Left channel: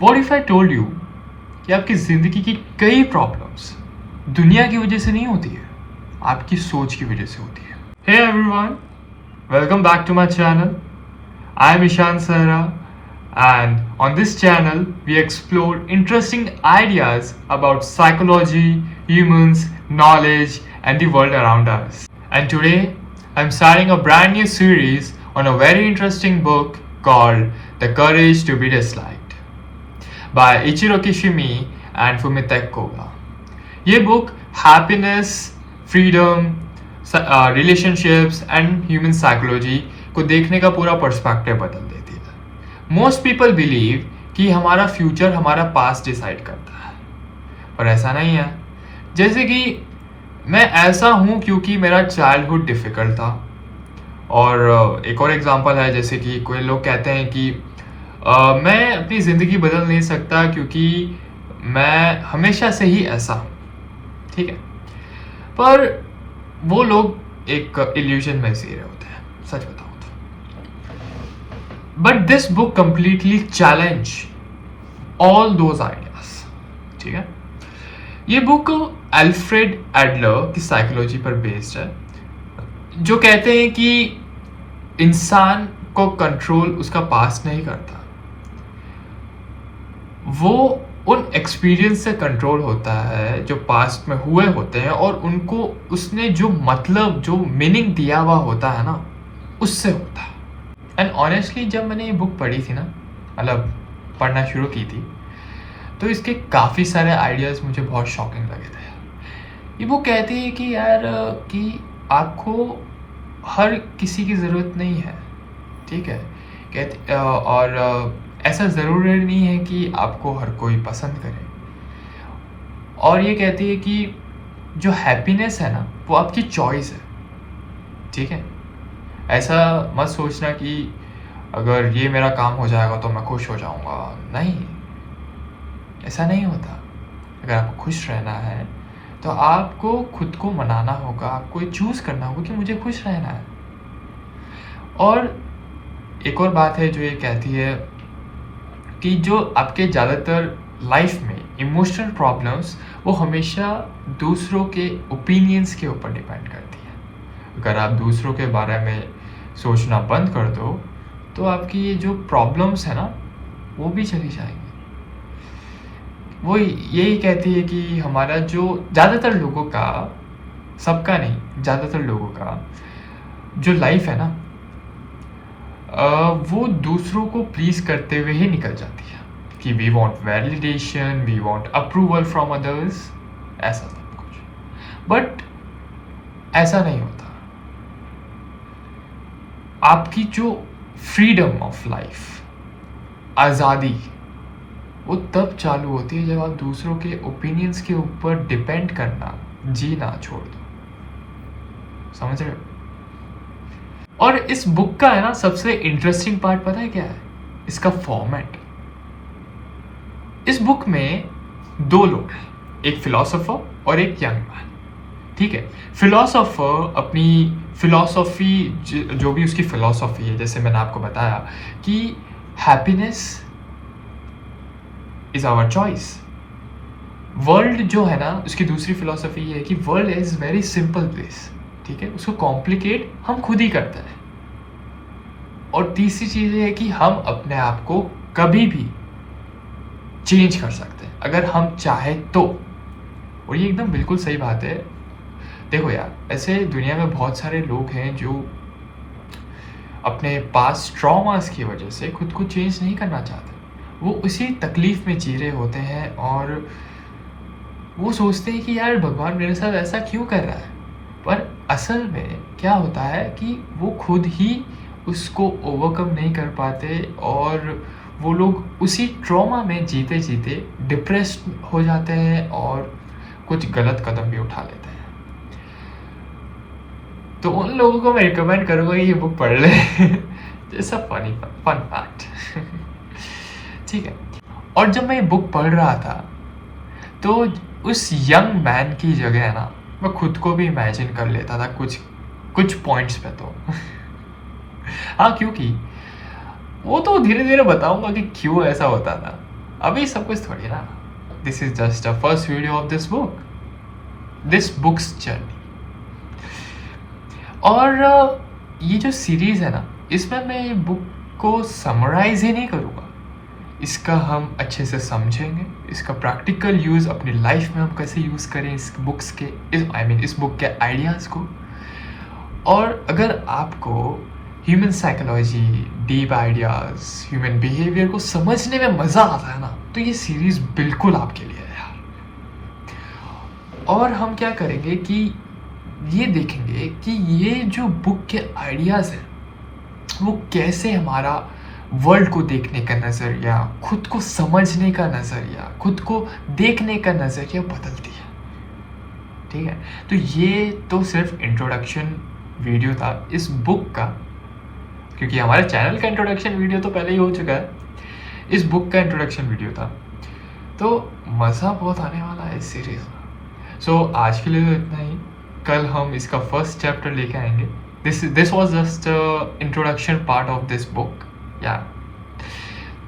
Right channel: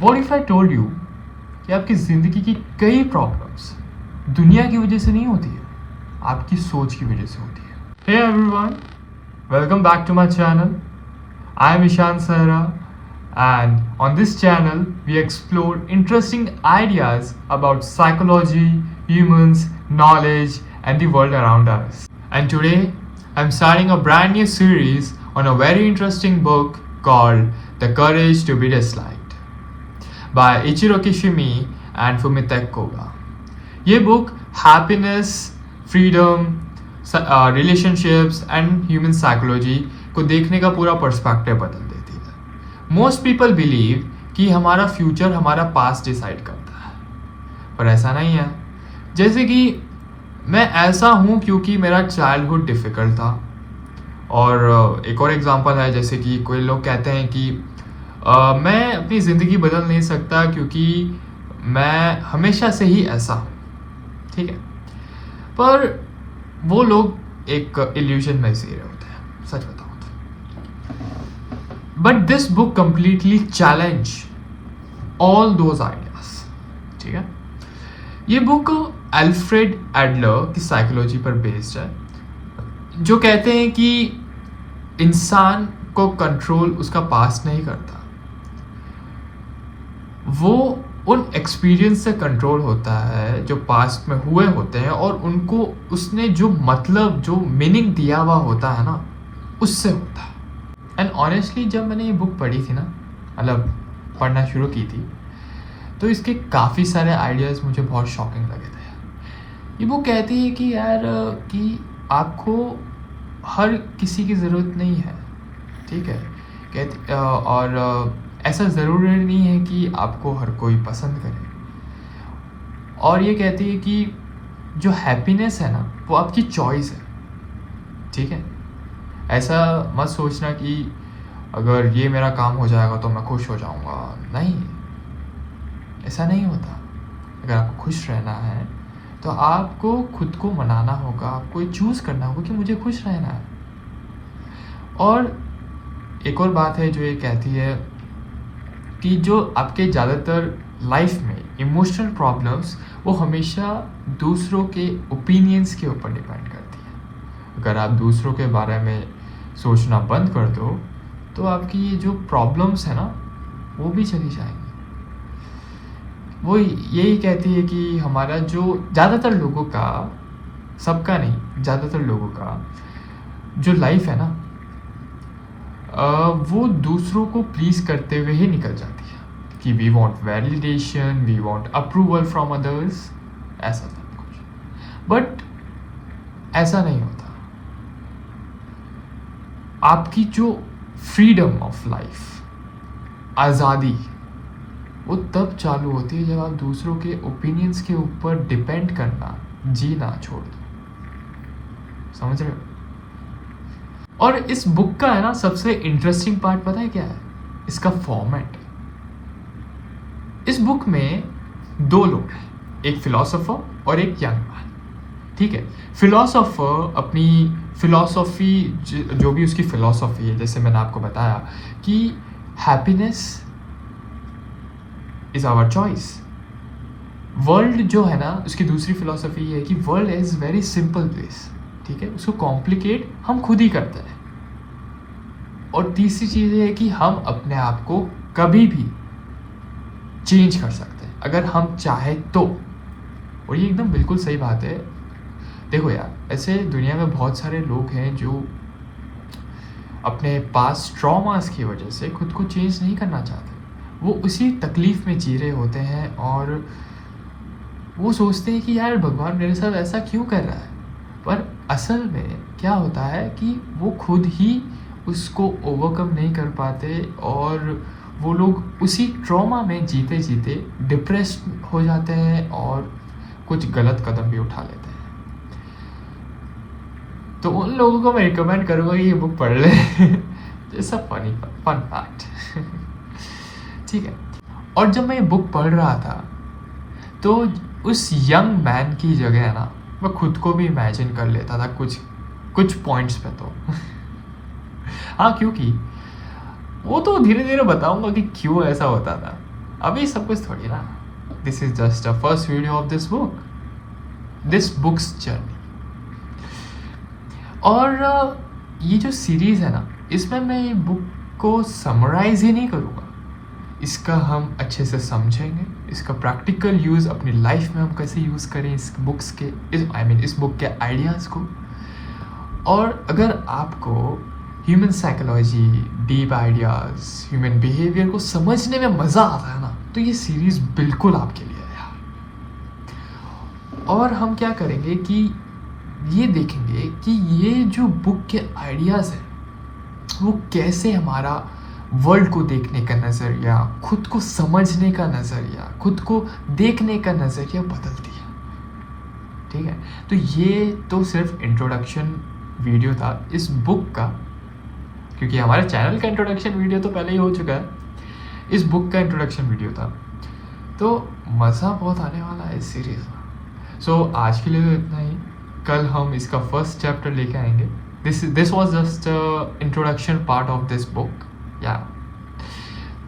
What if I told you कि आपकी ज़िंदगी की कई प्रॉब्लम्स दुनिया की वजह से नहीं होती है, आपकी सोच की वजह से होती है. Hey everyone, welcome back to my channel. I am Ishan Sahra, and on this channel we explore interesting ideas about psychology, humans, knowledge, and the world around us. And today I'm starting a brand new series on a very interesting book called The Courage to be Disliked by Ichiro Kishimi and Fumitake Koga. ये book happiness, freedom, relationships and human psychology को देखने का पूरा perspective बदल देती है. Most people believe कि हमारा फ्यूचर हमारा पास्ट डिसाइड करता है, पर ऐसा नहीं है. जैसे कि मैं ऐसा हूँ क्योंकि मेरा चाइल्डहुड डिफ़िकल्ट था. और एक और एग्जांपल है, जैसे कि कोई लोग कहते हैं कि मैं अपनी ज़िंदगी बदल नहीं सकता क्योंकि मैं हमेशा से ही ऐसा. ठीक है, पर वो लोग एक इल्यूजन में जी रहे होते हैं, सच बताओ तो. But this book completely challenge all those ideas. ठीक है, ये बुक अल्फ्रेड एडलर की साइकोलॉजी पर बेस्ड है, जो कहते हैं कि इंसान को कंट्रोल उसका पास्ट नहीं करता, वो उन एक्सपीरियंस से कंट्रोल होता है जो पास्ट में हुए होते हैं, और उनको उसने जो मतलब जो मीनिंग दिया हुआ होता है ना, उससे होता है. एंड ऑनेस्टली जब मैंने ये बुक पढ़ी थी ना, मतलब पढ़ना शुरू की थी, तो इसके काफ़ी सारे आइडियाज़ मुझे बहुत शॉकिंग लगे थे. ये बुक कहती है कि यार कि आपको हर किसी की ज़रूरत नहीं है. ठीक है, कहते और ऐसा ज़रूरी नहीं है कि आपको हर कोई पसंद करे. और ये कहती है कि जो हैप्पीनेस है ना, वो आपकी चॉइस है. ठीक है, ऐसा मत सोचना कि अगर ये मेरा काम हो जाएगा तो मैं खुश हो जाऊंगा. नहीं, ऐसा नहीं होता. अगर आपको खुश रहना है तो आपको खुद को मनाना होगा, आपको ये चूज़ करना होगा कि मुझे खुश रहना है. और एक और बात है जो ये कहती है कि जो आपके ज़्यादातर लाइफ में इमोशनल प्रॉब्लम्स, वो हमेशा दूसरों के ओपिनियंस के ऊपर डिपेंड करती है. अगर आप दूसरों के बारे में सोचना बंद कर दो तो आपकी ये जो प्रॉब्लम्स है ना, वो भी चली जाएंगी. वो यही कहती है कि हमारा जो ज़्यादातर लोगों का, सबका नहीं, ज़्यादातर लोगों का जो लाइफ है ना, वो दूसरों को प्लीज़ करते हुए ही निकल जाती है. कि we want validation, we want approval from others, ऐसा सब कुछ. बट ऐसा नहीं होता. आपकी जो फ्रीडम ऑफ लाइफ, आज़ादी, वो तब चालू होती है जब आप दूसरों के ओपिनियंस के ऊपर डिपेंड करना, जीना छोड़ दो. समझ रहे हो? और इस बुक का है ना सबसे इंटरेस्टिंग पार्ट पता है क्या है? इसका फॉर्मेट. इस बुक में दो लोग हैं, एक फिलोसोफर और एक यंग मैन. ठीक है, फिलोसोफर अपनी फिलोसॉफी, जो भी उसकी फिलोसॉफी है, जैसे मैंने आपको बताया कि happiness is our choice. World जो है ना, उसकी दूसरी फिलोसॉफी है कि world is very simple place. ठीक है, उसको कॉम्प्लिकेट हम खुद ही करते हैं. और तीसरी चीज़ ये है कि हम अपने आप को कभी भी चेंज कर सकते हैं अगर हम चाहें तो. और ये एकदम बिल्कुल सही बात है. देखो यार, ऐसे दुनिया में बहुत सारे लोग हैं जो अपने पास ट्रॉमास की वजह से खुद को चेंज नहीं करना चाहते. वो उसी तकलीफ़ में जी रहे होते हैं और वो सोचते हैं कि यार भगवान मेरे साथ ऐसा क्यों कर रहा है. पर असल में क्या होता है कि वो खुद ही उसको ओवरकम नहीं कर पाते, और वो लोग उसी ट्रॉमा में जीते जीते डिप्रेस्ड हो जाते हैं और कुछ गलत कदम भी उठा लेते हैं. तो उन लोगों को मैं रिकमेंड करूँगा कि ये बुक पढ़ ले. जैसा फन फैक्ट. ठीक है, और जब मैं ये बुक पढ़ रहा था तो उस यंग मैन की जगह ना, मैं खुद को भी इमेजिन कर लेता था कुछ पॉइंट्स पे तो. हाँ, क्योंकि वो तो धीरे धीरे बताऊंगा कि क्यों ऐसा होता था. अभी सब कुछ थोड़ी ना, this is just a first video of this books journey. और ये जो सीरीज़ है ना, इसमें मैं बुक को समराइज ही नहीं करूँगा, इसका हम अच्छे से समझेंगे, इसका प्रैक्टिकल यूज़ अपनी लाइफ में हम कैसे यूज़ करें इस बुक्स के, इस बुक के आइडियाज़ को। और अगर आपको human psychology, deep ideas, human behaviour को समझने में मज़ा आता है ना, तो ये सीरीज़ बिल्कुल आपके लिए है यार। और हम क्या करेंगे कि ये देखेंगे कि ये जो बुक के आइडियाज़ हैं वो कैसे हमारा वर्ल्ड को देखने का नज़रिया, खुद को समझने का नज़रिया, खुद को देखने का नज़रिया बदलती है। ठीक है, तो ये तो सिर्फ इंट्रोडक्शन वीडियो था इस बुक का, क्योंकि हमारे चैनल का इंट्रोडक्शन वीडियो तो पहले ही हो चुका है, इस बुक का इंट्रोडक्शन वीडियो था। तो मज़ा बहुत आने वाला है इस सीरीज़ में। सो आज के लिए तो इतना ही, कल हम इसका फर्स्ट चैप्टर लेके आएंगे। This was just introduction part of this book या।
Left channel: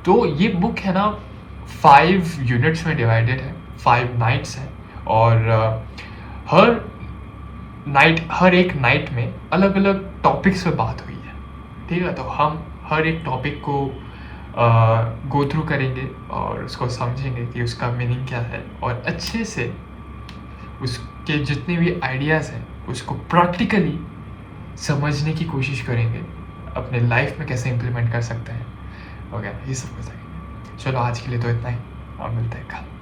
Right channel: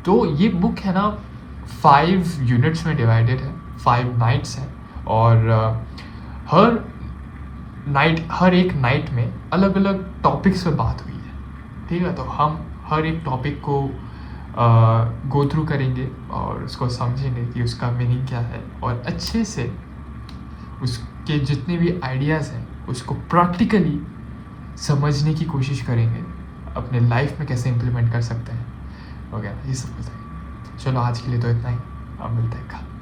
तो ये बुक है ना 5 यूनिट्स में डिवाइडेड है, 5 नाइट्स हैं, और हर एक नाइट में अलग अलग टॉपिक्स पे बात हुई है। ठीक है, तो हम हर एक टॉपिक को गो थ्रू करेंगे और उसको समझेंगे कि उसका मीनिंग क्या है, और अच्छे से उसके जितने भी आइडियाज़ हैं उसको प्रैक्टिकली समझने की कोशिश करेंगे, अपने लाइफ में कैसे इम्प्लीमेंट कर सकते हैं वगैरह, ये सब कुछ। चलो आज के लिए तो इतना ही, अब मिलते हैं कल।